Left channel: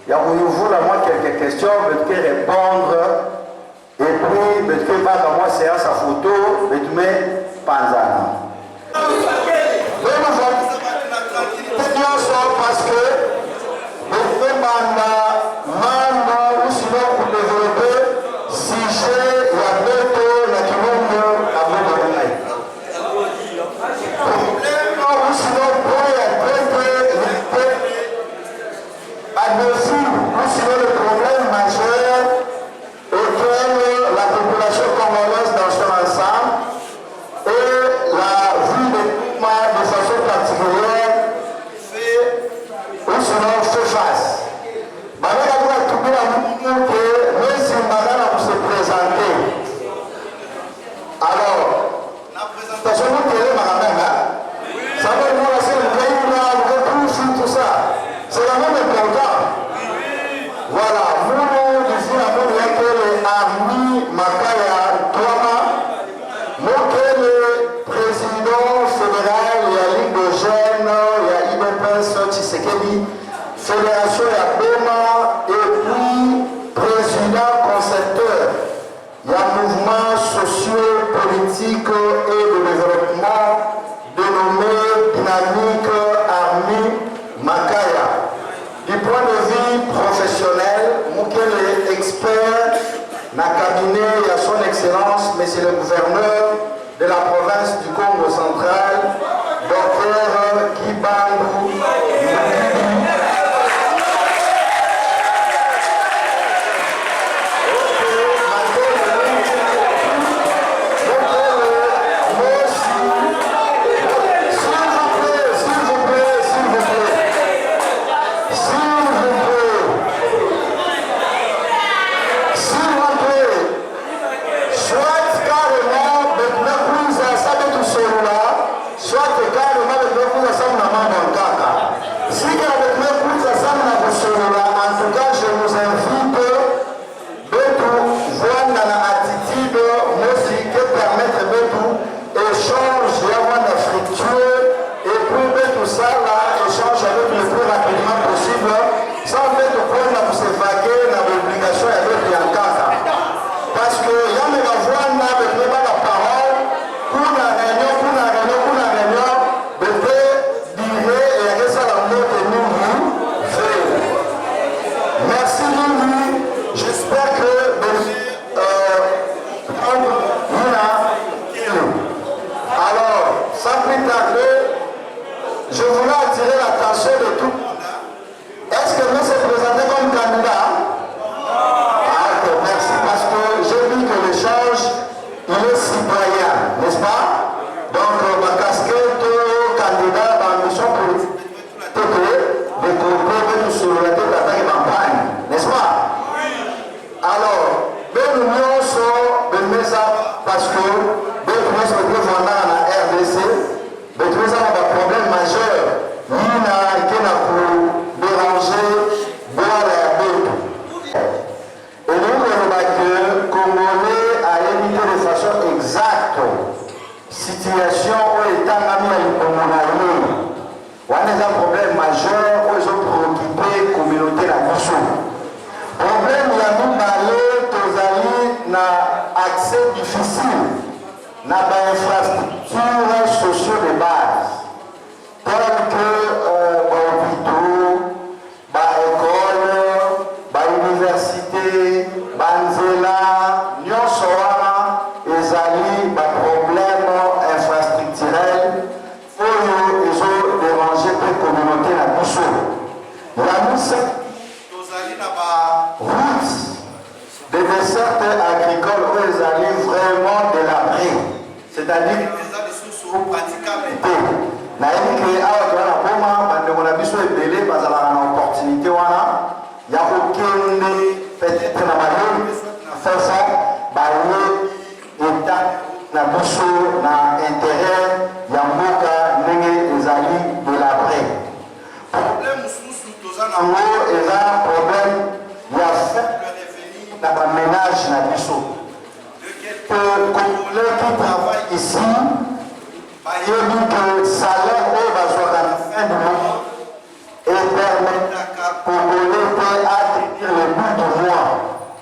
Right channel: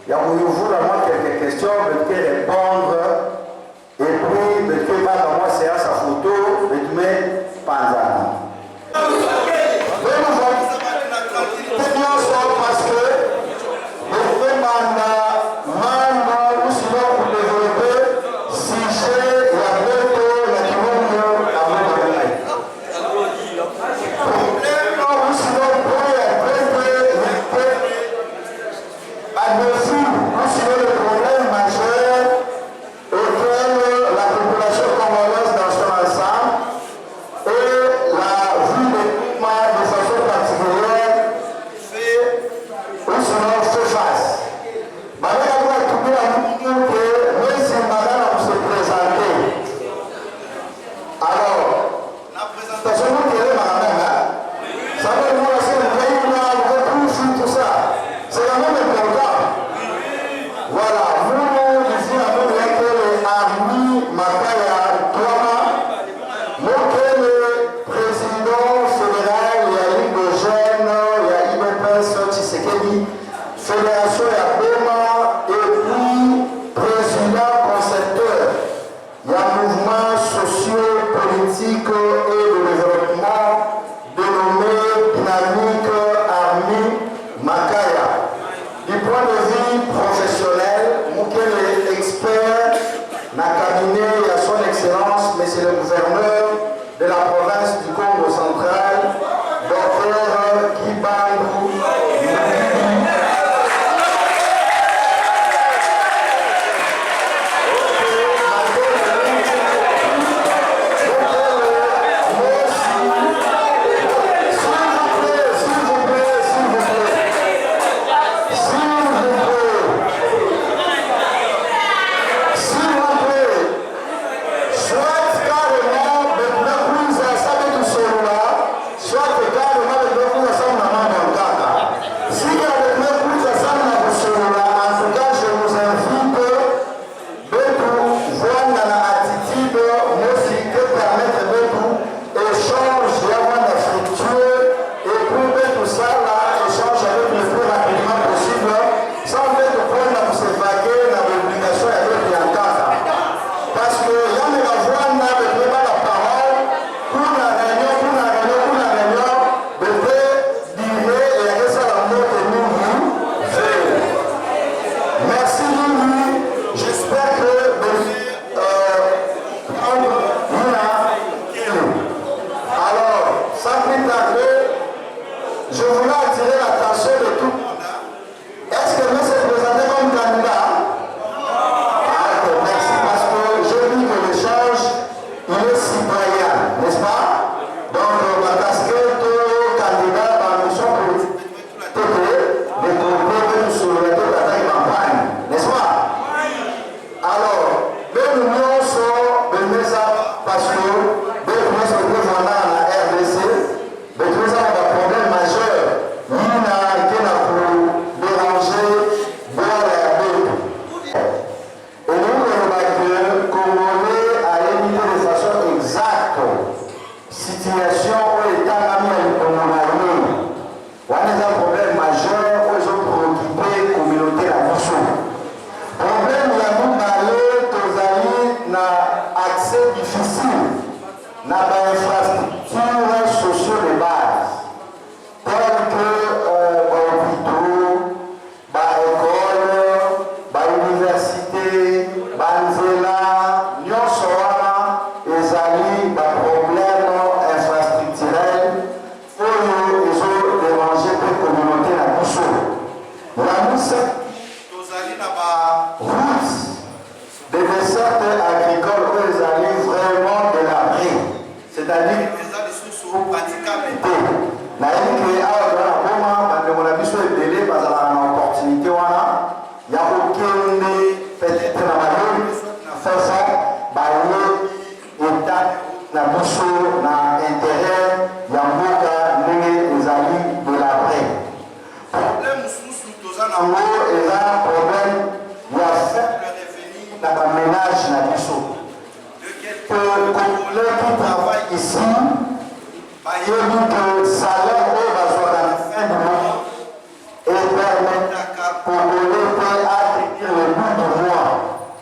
Il y a quelques questions, je vais répondre et puis betwe pas comme moi séance à photo, betwe panzana. Parce que betwe manda manda ou sinon pour développer sujet ya beto na kimungo na mwana. Problème ou sinon pour ya admissible ou sinon le problème majeur auquel la population congolaise dans son ensemble et la vie de Kouma de façon particulière fait ou sinon fait face. Maintenant, on va trouver la minute que même si Madame a se présenter. Alors, la présentation de Madame, ça va nous laisser le pays là, tout ça. C'est la même important. Voilà, nous ici à nous que les Armi Makaya Toama, nous que le président fédéral, il y a Ligue de Jeunes, il y a IBPS Tshisekedi, Fédération Yabema, et puis président concepteur, il y a mouvement socio-politique et de développement dénommé Dynamique Armi Makaya. Du point de vue professionnel, Moukel est expert dans le cabinet à son excellence, monsieur le gouverneur de la province du Congo central, Dr Kibangu.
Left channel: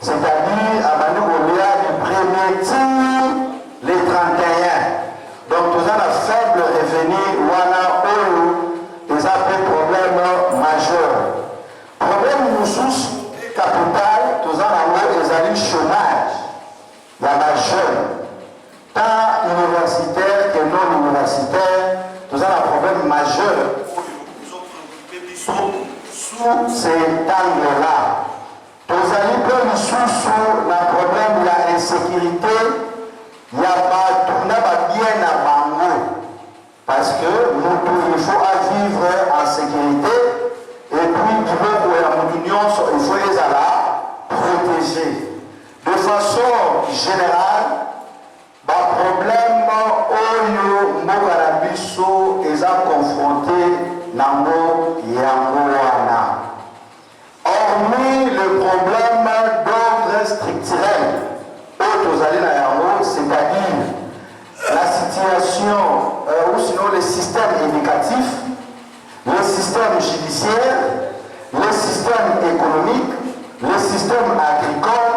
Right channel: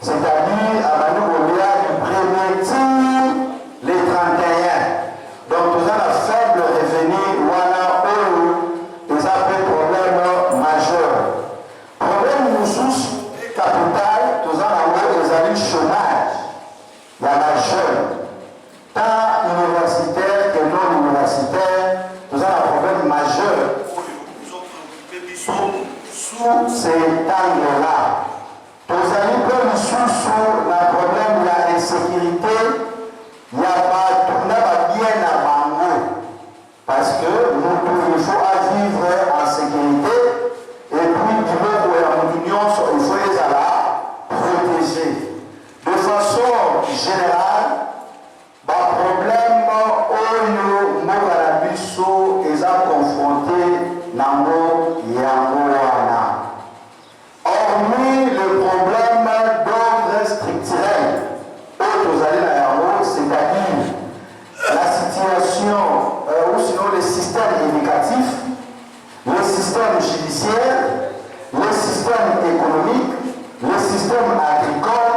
C'est-à-dire à Manu Oléa du premier sécurité, il y a bien à Bango. Parce que il faut vivre en sécurité. Et puis, il faut les protéger. De façon générale, le problème où nous est confronté Nango Yangoana. Hormis le problème d'ordre structurel, c'est-à-dire la situation ou sinon le système éducatif, le système judiciaire, le système économique, le système agricole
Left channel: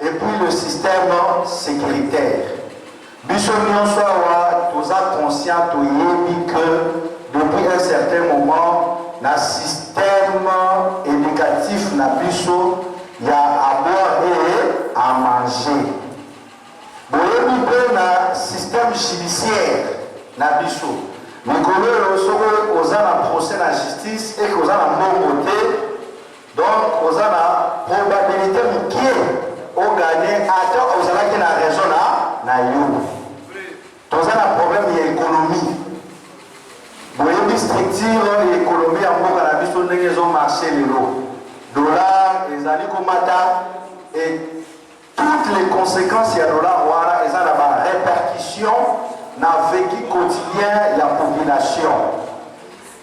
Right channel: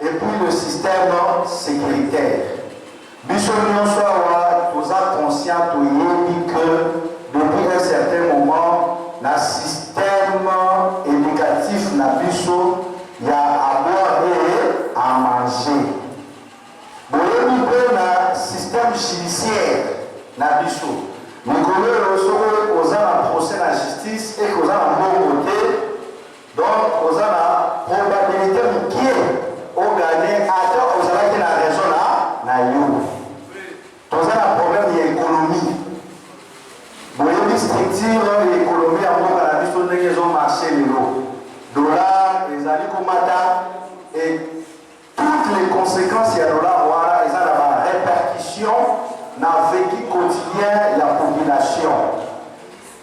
et puis le système sécuritaire. Bissonion soit tous conscients que depuis un certain moment, le système éducatif n'a biso, il y a à boire et à manger. Le système judiciaire n'a biso. Nous connaissons aux procès de la justice et aux bon côté. Donc, aux probabilité qui au gagner à aux qui n'a raison na you. Tous un problème d'économie. Vous voyez, structure l'économie en bon cannabis, on a marché les lots. Dollars, les alikomata et toutes les conséquences, il y a dollar, voilà, et ça a des répercussions dans le vécu quotidien de la population.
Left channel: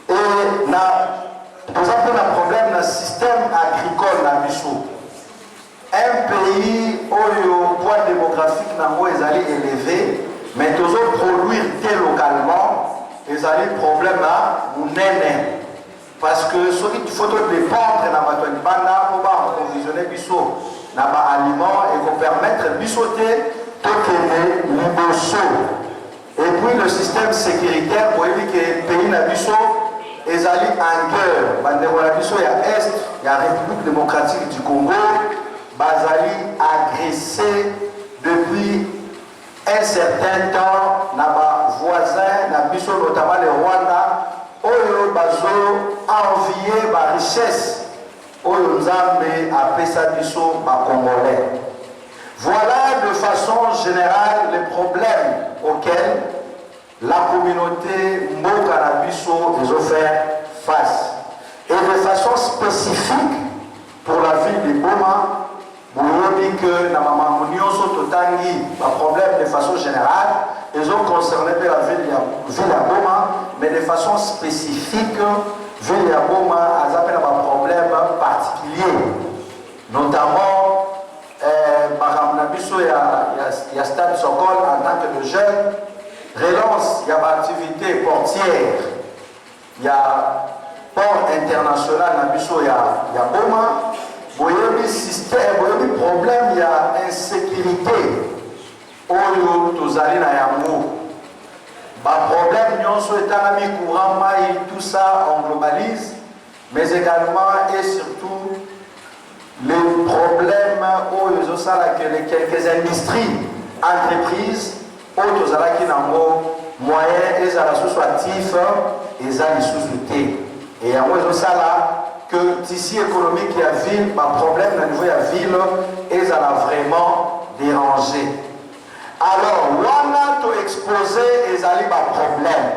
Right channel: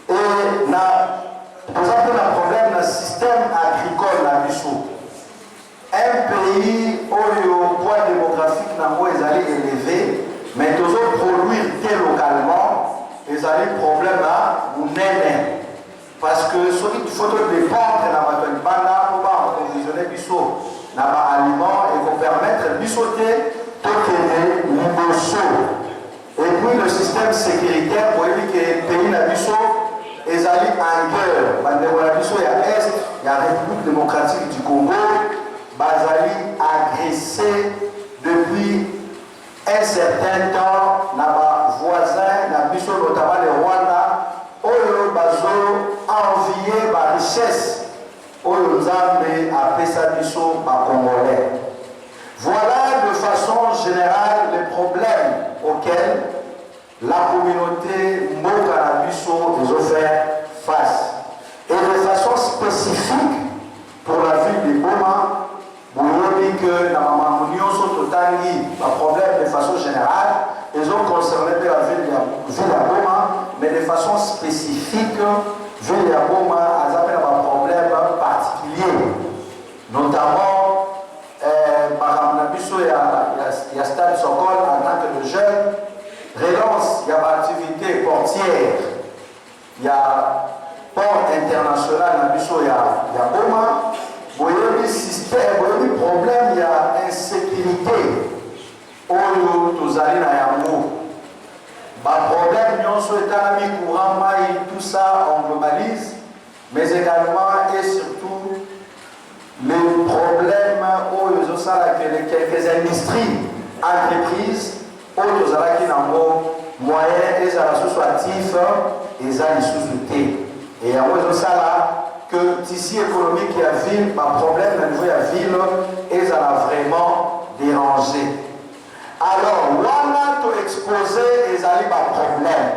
Et pour ça, le problème dans le système agricole dans Bissou. Un pays où le poids démographique est élevé, mais tous produire localement, ils ont un problème à Mounene. Parce que ce qu'il faut dépendre dans la banda pour approvisionner Bissou dans l'aliment et pour permettre de bissoter tout et puis le système sécuritaire pour éviter que le pays n'a Bissou ils allaient en guerre. Il y a Est, il y a la République démocratique du Congo, Bazali agressé depuis un certain temps nos voisins, notamment le Rwanda, où ils ont envié la richesse, où ils ont appelé ça Congolais. Voilà de façon générale les problèmes auxquels la communauté Mokanabiso les a fait face. Et de façon spécifique pour la ville de Goma, vous voyez que dans ma Totangi, le problème de façon générale, ils ont concerné la ville de Goma, mais de façon spécifique, la ville de Goma a un problème particulier. Notamment, il y a Stade Sokol en tant que jeune. Relance, il y a l'activité portière, il y a port international, il y a Goma, il y a des systèmes, il y a des problèmes, il y a insécurité. Au lieu de aller dans Yamou, le problème, nous courant, tout ça, on globalise, mais également et surtout les problèmes où il y a quelques industries, entreprises, autres qui ont moyens et associatifs et les sous-soutés. Et il y a que tissu économique et la ville, le problème de la ville, et ça a vraiment dérangé. Alors, on a exposé les problèmes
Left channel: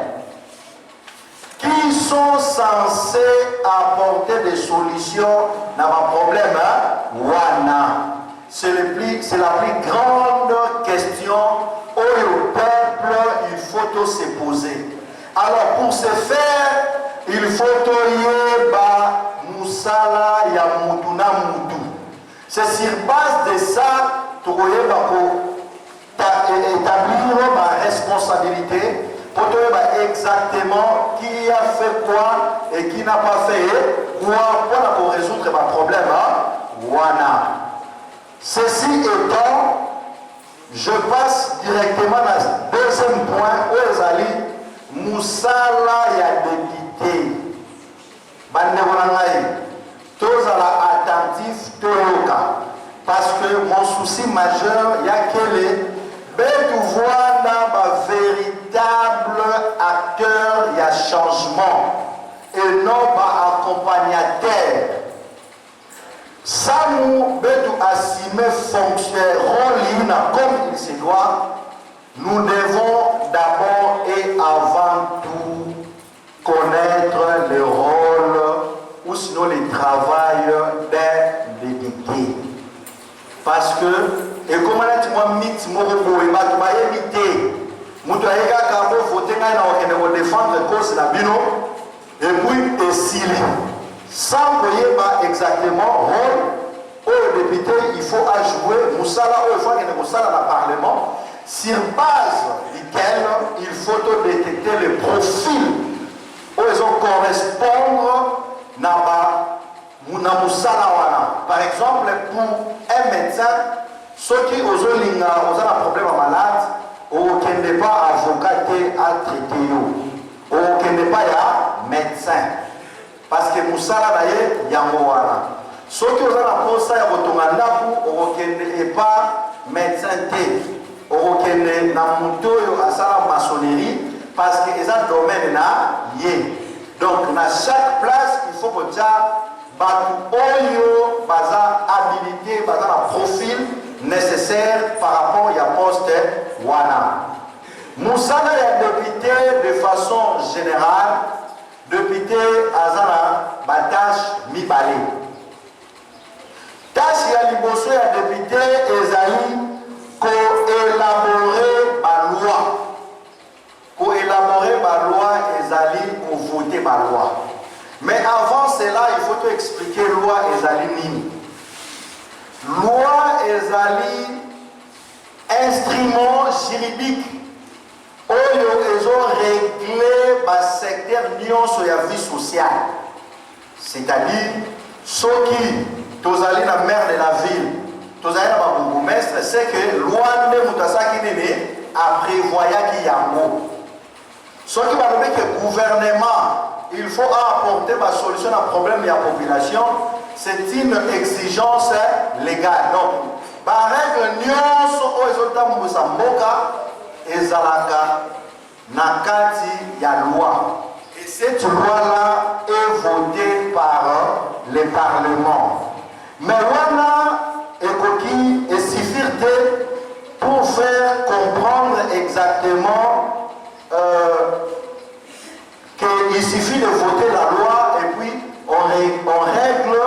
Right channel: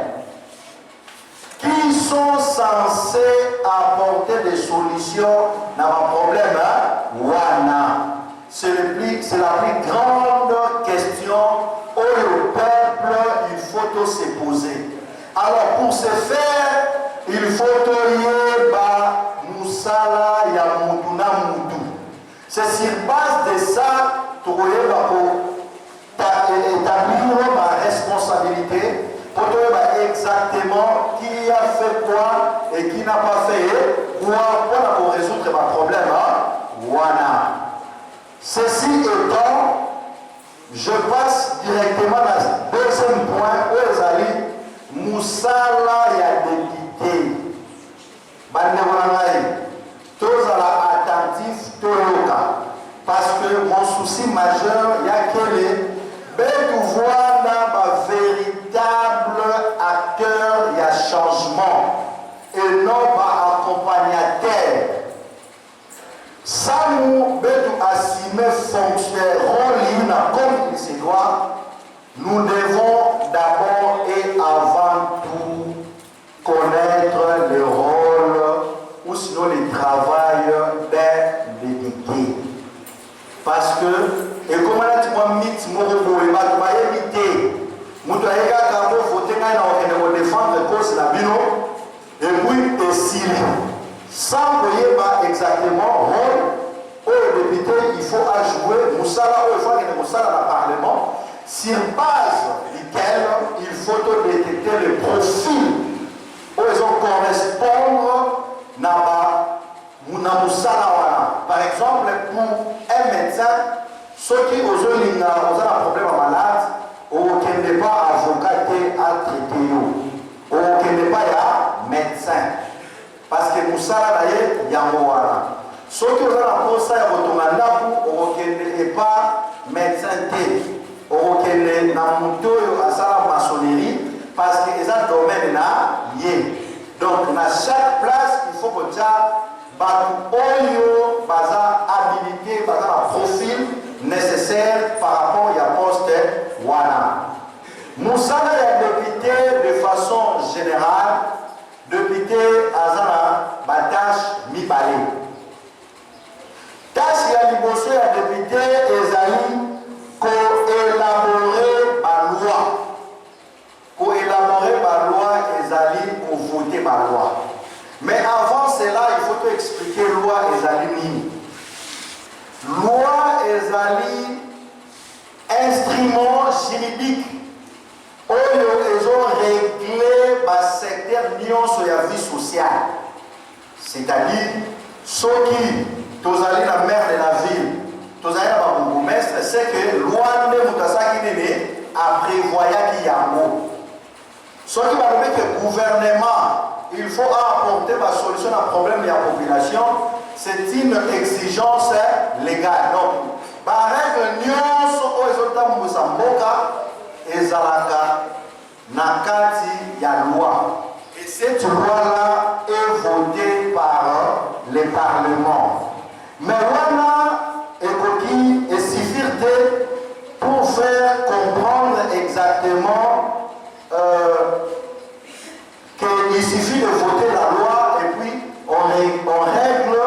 qui sont censés apporter des solutions dans le problème. C'est la plus grande question où le peuple, il faut se poser. Alors, pour ce faire, il faut Moussala Yamutuna Moutou. C'est sur base de ça que tu établir ma responsabilité pour savoir exactement qui a fait quoi et qui n'a pas fait quoi pour résoudre ma problème. Ceci étant, je passe directement à le deuxième point où les alliés Moussala ya député. Tous attentifs, parce que mon souci majeur, il y a que les véritable acteur, il y a changement et non pas accompagnateur. Samu Betu Assime fonctionne rôle comme citois, nous devons d'abord et avant tout connaître le rôle ou sinon le travail d'un député. Parce que, et comme on a dit, moi, mythe, moi, je défendre cause la bino et puis s'il sans pas exactement rôle au député il faut ajouter Moussala il faut que Moussala dans le Parlement sur base duquel il faut détecter le profil où ils ont correspondre na Moussala wana. Par exemple pour un médecin ceux qui ont un problème malade ou qui n'est pas avocat à traiter ou qui n'est pas médecin parce que Moussala naye yango wana ceux qui ont un poste ya botongandaku ou qui n'est pas médecin ou qui n'est na mutoyo asala maçonnerie parce que les domaine na yé donc na chaque place il faut que batu oyo baza habilité baza na profil nécessaire par rapport à poste wana. Moussala est député de façon générale, député Azana Batache Mibale. Tâche ya liboso ya député ezali co-élaborer ma loi. Co-élaborer ma loi ezali pour voter ma loi. Mais avant cela, il faut te expliquer loi ezali nini. Loi ezali instrument juridique oyo ils ont réglé le secteur nyonso ya vie sociale, c'est-à-dire ceux qui tozali na maire de la ville tozali na babourgmestre c'est que loi nde moto asaki nini aprévoyaki yango soki balobi que gouvernement il faut apporter ma solution à problème de la population, c'est une exigence légale. Donc, par règle, nous sommes Mousamboka et Zalaka, Nakati, ya loi. Et cette loi-là est votée par le Parlement. Mais voilà, Ekoki et Sifirte pour faire comprendre exactement qu'il suffit de voter la loi et puis on règle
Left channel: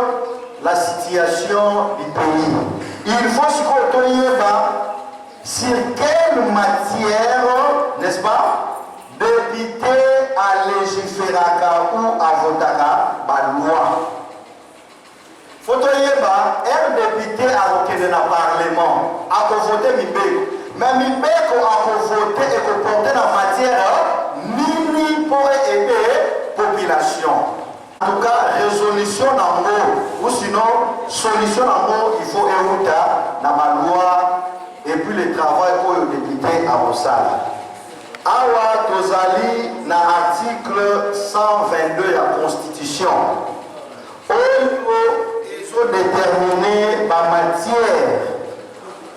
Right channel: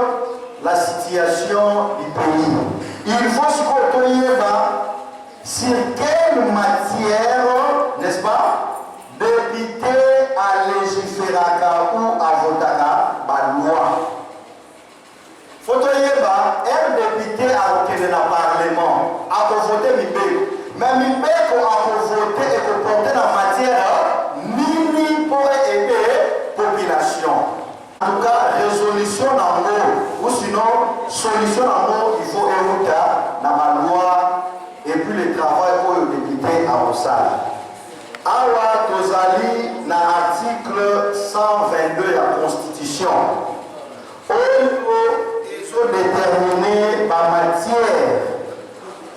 la situation du pays. Il faut se retenir sur quelle matière, n'est-ce pas, député à légiférer ou à voter la loi. Il faut retenir un député à voter dans le Parlement, à voter Mibé. Mais Mibé a voté et a porté la matière pour aider la population. En tout cas, résolution d'amour, ou sinon, solution d'amour, il faut écouter dans ma loi et puis le travail pour le député à Rossal. Awa Tozali, dans l'article 122 de la Constitution, où ils ont déterminé ma matière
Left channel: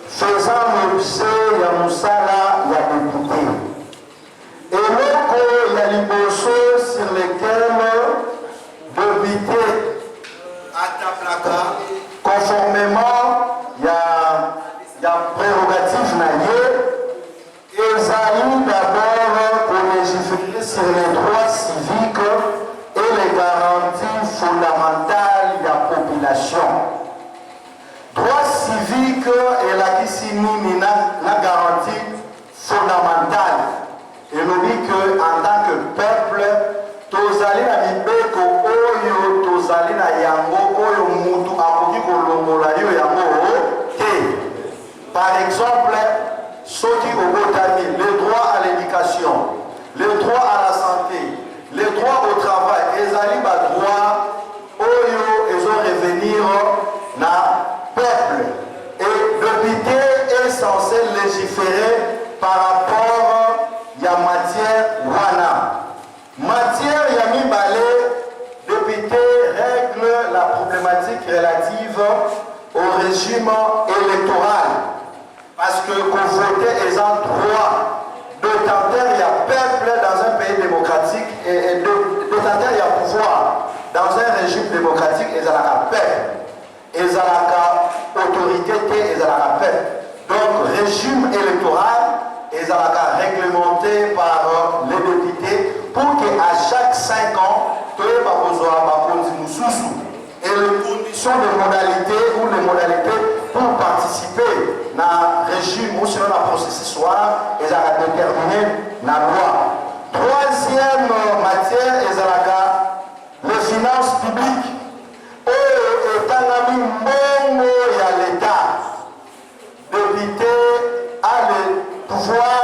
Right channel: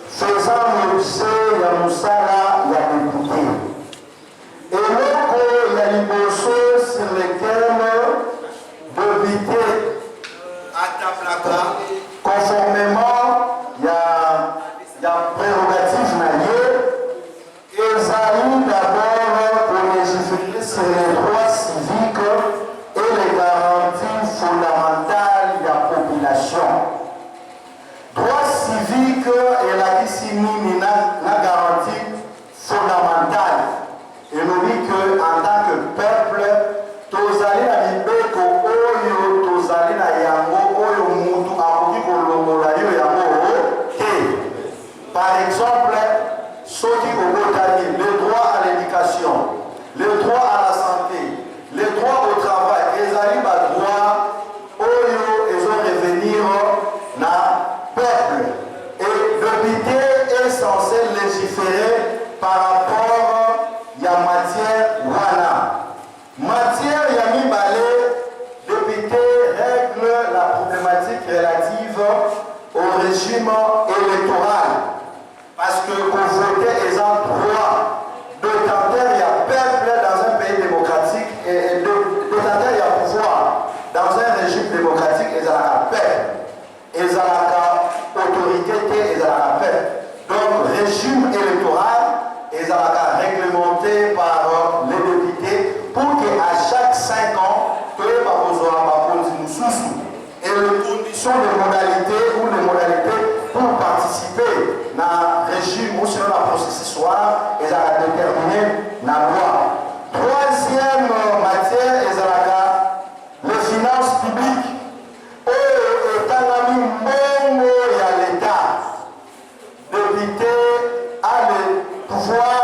faisant l'objet de Moussala et de député. Et il y a des choses sur lesquelles député à Taplaka, conformément il y a prérogative naïe, et Zali d'abord pour légiférer sur les droits civiques et les garanties fondamentales de la population. Droits civiques et la discipline la garantie fondamentale. Et nous dit qu'en tant que peuple, tozali na mibeko oyo tozali na yango oyo mutu akoki kolongola yo yango te. Par exemple, ceux qui ont le droit à l'éducation, le droit à la santé, le droit au travail, ezali ba droit oyo ezo revenir na peuple. Et le député est censé légiférer par rapport ya matière wana. Matière yami balé, député règle la problématique relative au régime électoral. Parce que pour voter est un droit d'autant il y a peuple dans un pays démocratique et d'autant il y a pouvoir dans un régime démocratique et ça la peuple. Et ça la autorité et ça la peuple. Donc régime électoral ce soir, ils ont déterminé la loi. Troisième matière, ils ont les finances publiques. Étant ami même à l'État, député a le pouvoir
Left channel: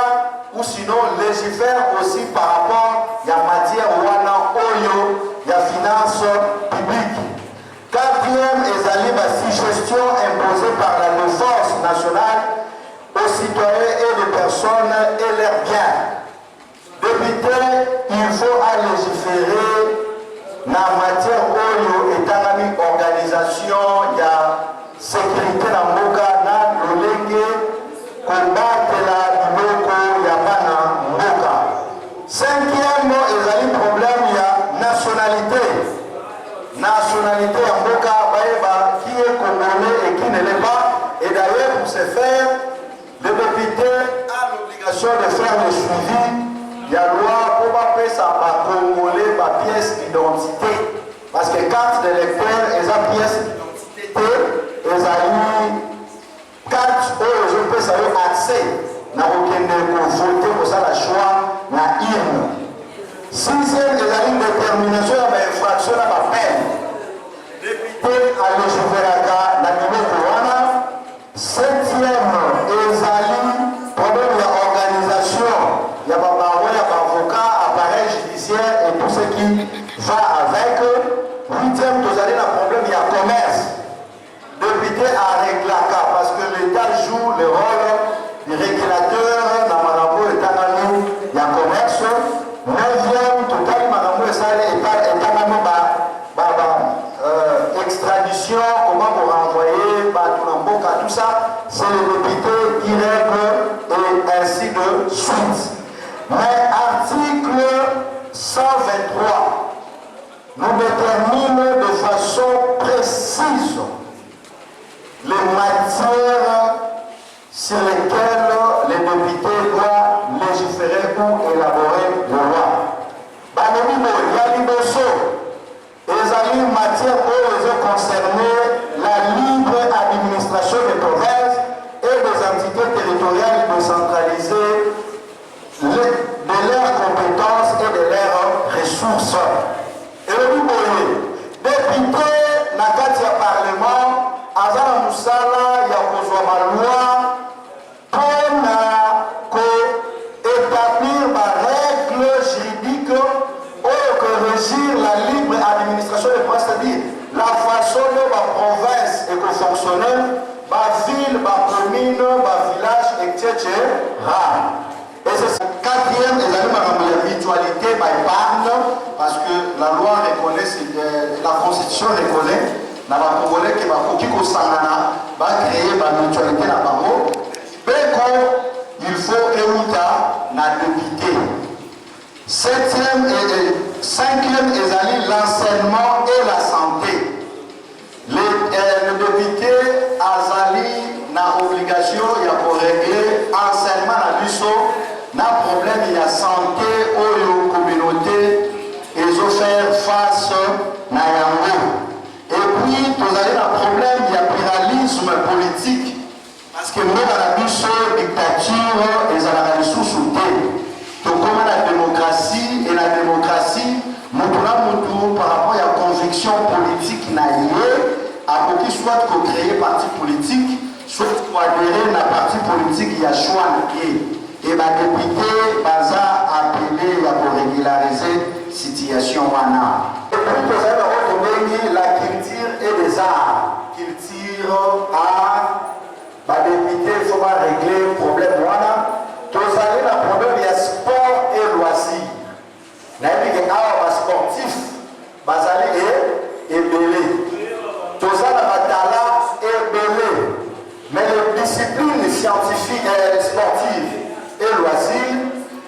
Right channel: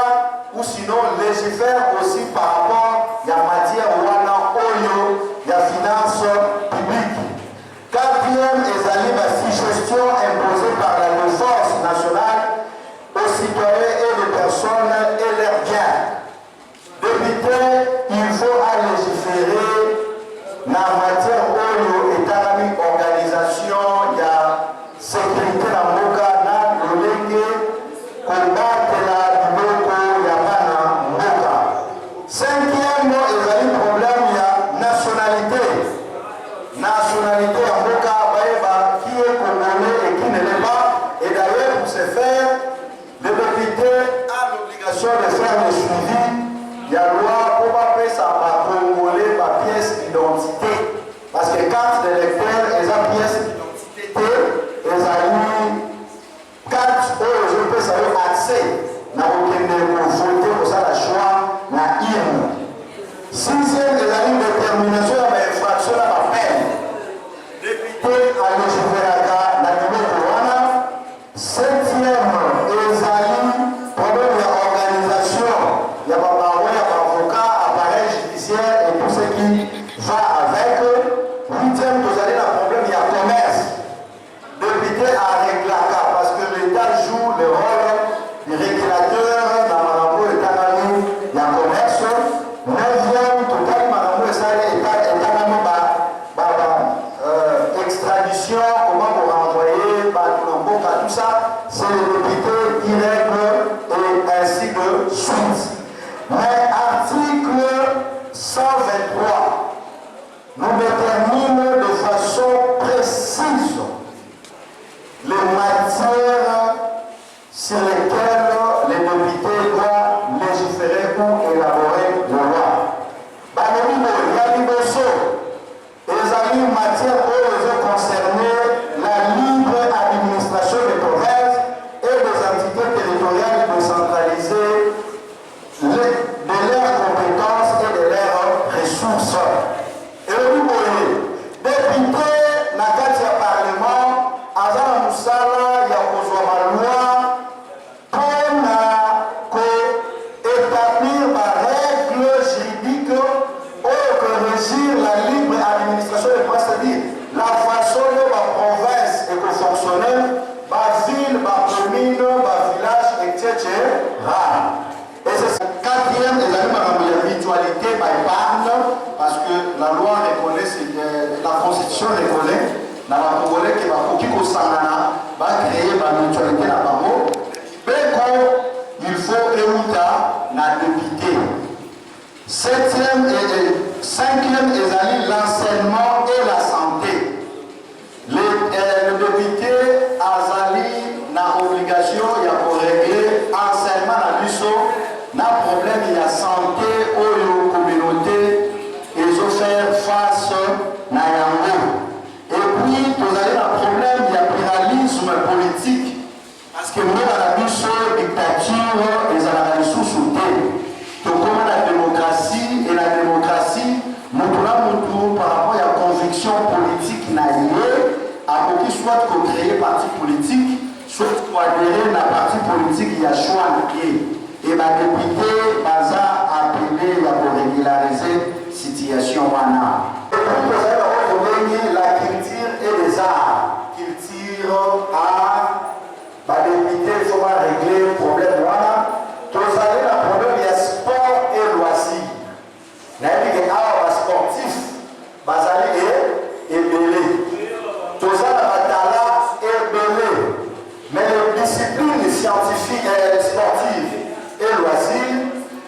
ou sinon légifère aussi par rapport à la matière wana oyo la finance publique. Quatrième, ezali la gestion imposée par la force nationale aux citoyens et les personnes et leurs biens. Député, il faut à légiférer dans la matière oyo etalami organisation de la sécurité na mboka na lolenge kobatela biloko ya bana mboka. Cinquième, ezali problème ya nationalité. Nationalité ya mboka baeba qui est congolais et qui ne l'est pas. Et d'ailleurs pour ce faire, le député a l'obligation de faire le suivi. Il y a loi pour appeler ça congolais par pièce d'identité. Parce que carte d'électeur, ils ont pièce d'identité, ils ont carte où je peux savoir accès. N'a aucun voter pour ça la choix, la urne. Sixième, ils ont une détermination à l'infraction à la peine. Député à l'Égypte, la numéro 1. Septième, ils ont problème de l'organisation. Il y a avocat, appareil judiciaire et tout ce qui va avec. Huitième, vous avez un problème, il y a commerce. Député à régler parce que l'État joue le rôle du régulateur dans Malambo et Tanamou, il y a commerce. Neuvième, total Malambo et Salé et Tanamou, extradition, comment vous renvoyer, tout ça, c'est le député qui règle et ainsi de suite. Mais article 123 nous détermine de façon précise les matières sur lesquelles les députés doivent légiférer ou élaborer la loi. Banimimo, Yaliboso, les matières où concernées la libre administration des provinces et des entités territoriales décentralisées de leurs compétences et de leurs ressources. Et le député, dans le Parlement, Azara Moussala, Yakozwa Maloua, pour établir ma règle juridique que régir la libre administration des provinces, c'est-à-dire la façon dont ma province est fonctionnelle, ma ville, ma commune, ma village, etc. Et c'est le quatrième, les amis, la mutualité, ma épargne, parce que la loi reconnaît, la constitution reconnaît, dans la Congolais qui va Kokiko Sangana, va créer ma mutualité dans le mot. Il faut éouta la député. Cinquième, l'enseignement et la santé. Le député Azali n'a obligation, il y a pour régler enseignement à l'USO, n'a problème, il y a santé, aux communautés, et ils ont fait face à Yango. Et puis, vous avez un problème, il y a pluralisme politique, parce que nous, dans la dictature, ils ont la sous-souté. Donc, comme la démocratie, et la démocratie, par rapport à la conviction politique naïve, à qui soit qu'on crée parti politique, soit qu'on adhérer à la parti politique, il y a choix et ma député Baza appelé pour régulariser la situation. Et puis vous avez la culture et les arts. Culture, art, ma député, il faut régler le problème. Vous avez le problème, il y a sport et loisirs. Vous avez des sportifs, Bazali et belé. Tout ça, la batala et belé. Mais les disciplines scientifiques et sportives et loisirs,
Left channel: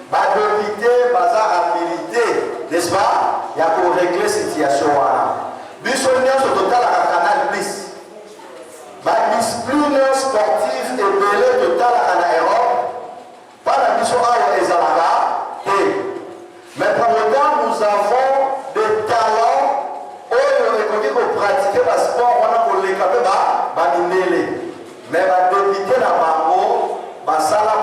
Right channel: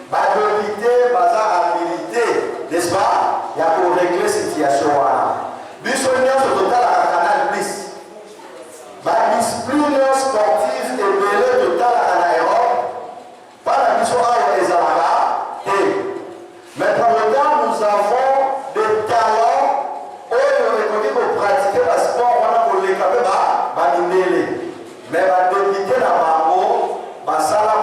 député, bazar habilité, n'est-ce pas? Il y a pour régler cette situation. Bissonion sur total à Canal Plus. Discipline sportive et belé total à Europe. Pas la mission à Ezalaga. Mais pour le temps, nous avons des talents où on peut pratiquer le sport, on a mais député la bango, basala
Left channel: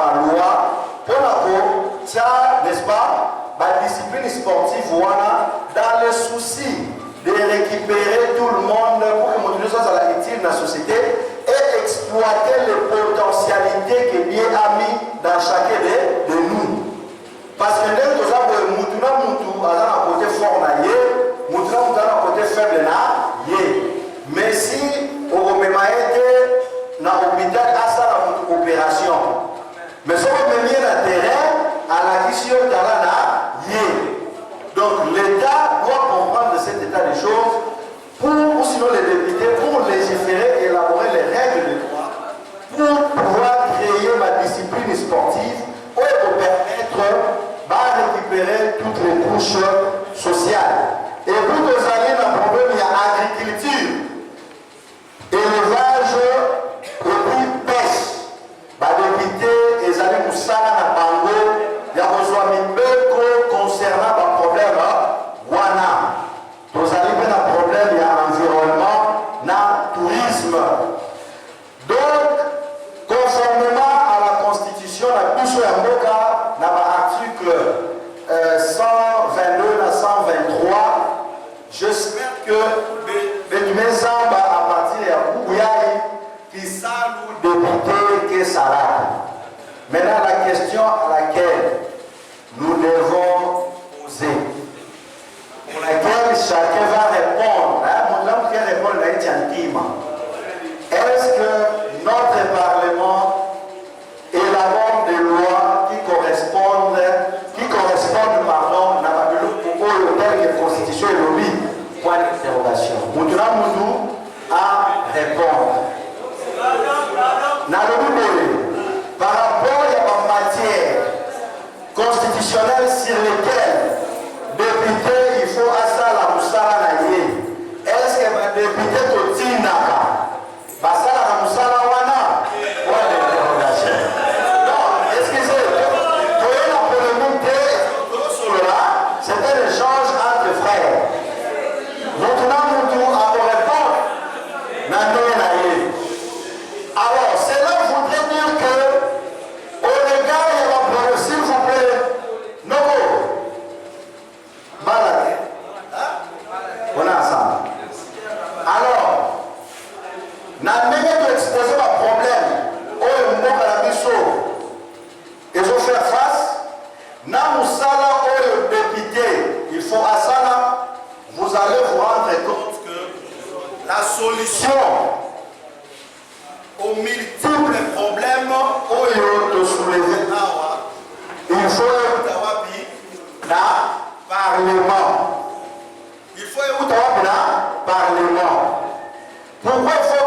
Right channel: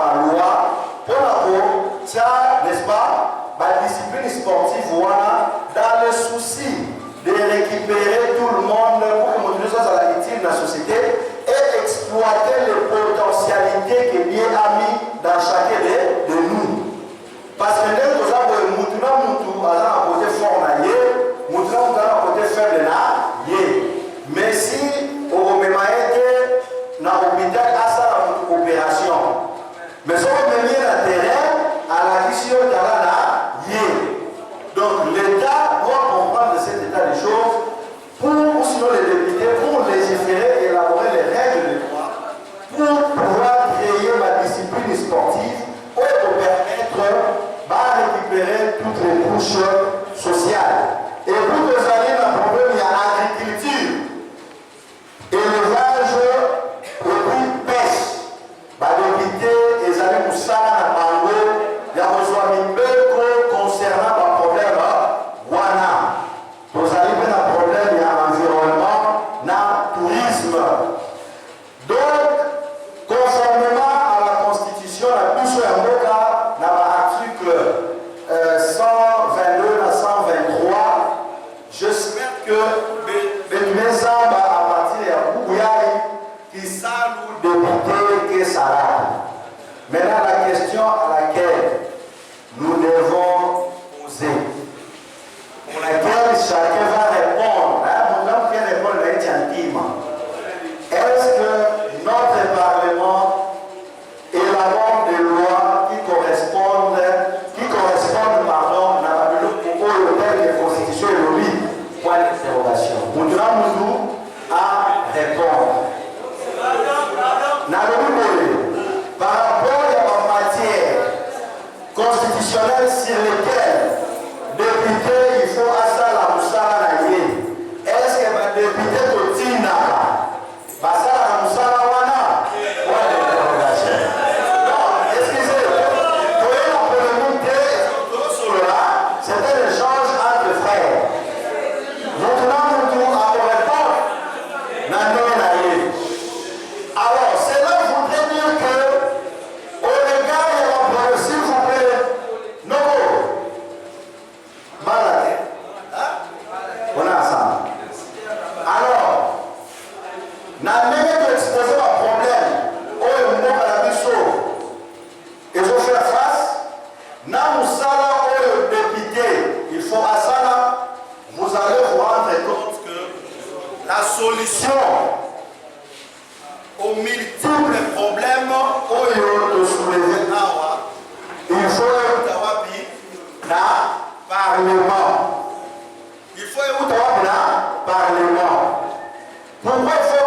récupérer tout le monde pour que nous soyons à la utile dans la société et exploiter les potentialités que Dieu a mis dans chacun de nous. Parce que nous avons un côté fort, nous avons un côté faible. Mais si on met dans l'hôpital à ça une opération, mais si on met dans le terrain à la question de la donc l'État doit comprendre cet état des choses pour, sinon les députés, pour légiférer et élaborer les règles de droit pour pouvoir créer la discipline sportive pour permettre de récupérer toutes les couches sociales. Et pour nous aller dans le problème, il y a agriculture, élevage et puis pêche. Député, ils allaient nous saler dans le bango, il y a besoin de concernant le problème Wana. Nous allons dans le problème, il y a environnement, dans le tourisme. Donc, conformément à la Constitution, la Constitution est dans l'article 122 à 123, j'espère que mes âmes à partir de Bouyaï qui saluent député que ça. Maintenant, la question à laquelle nous devons poser, pour laquelle chacun va répondre, est-ce que notre Parlement élabore des lois qui correspondent à la Constitution et l'ONU? Point d'interrogation. Nous à répondre. Par rapport à la matière constitutionnelle sur laquelle député, il faut à ça la moussala naïe. Est-ce que ma député Totinaka, Basala la moussala wana? Point d'interrogation. Non, excusez, pour la polémique, c'est un échange entre frères. Maintenant, nous devons répondre. Alors, cela voudrait dire que, au regard de la problème, s'il vous plaît, non, malade, on est ensemble. Alors, n'a même exposé le problème, au moment à la mission, ils ont fait face, n'a moussala au député, il faut à ça, vous allez vous rendre compte que la solution aux multiples problèmes de soulever, il faut un Parlement. Il faut un Parlement. Pourquoi il faut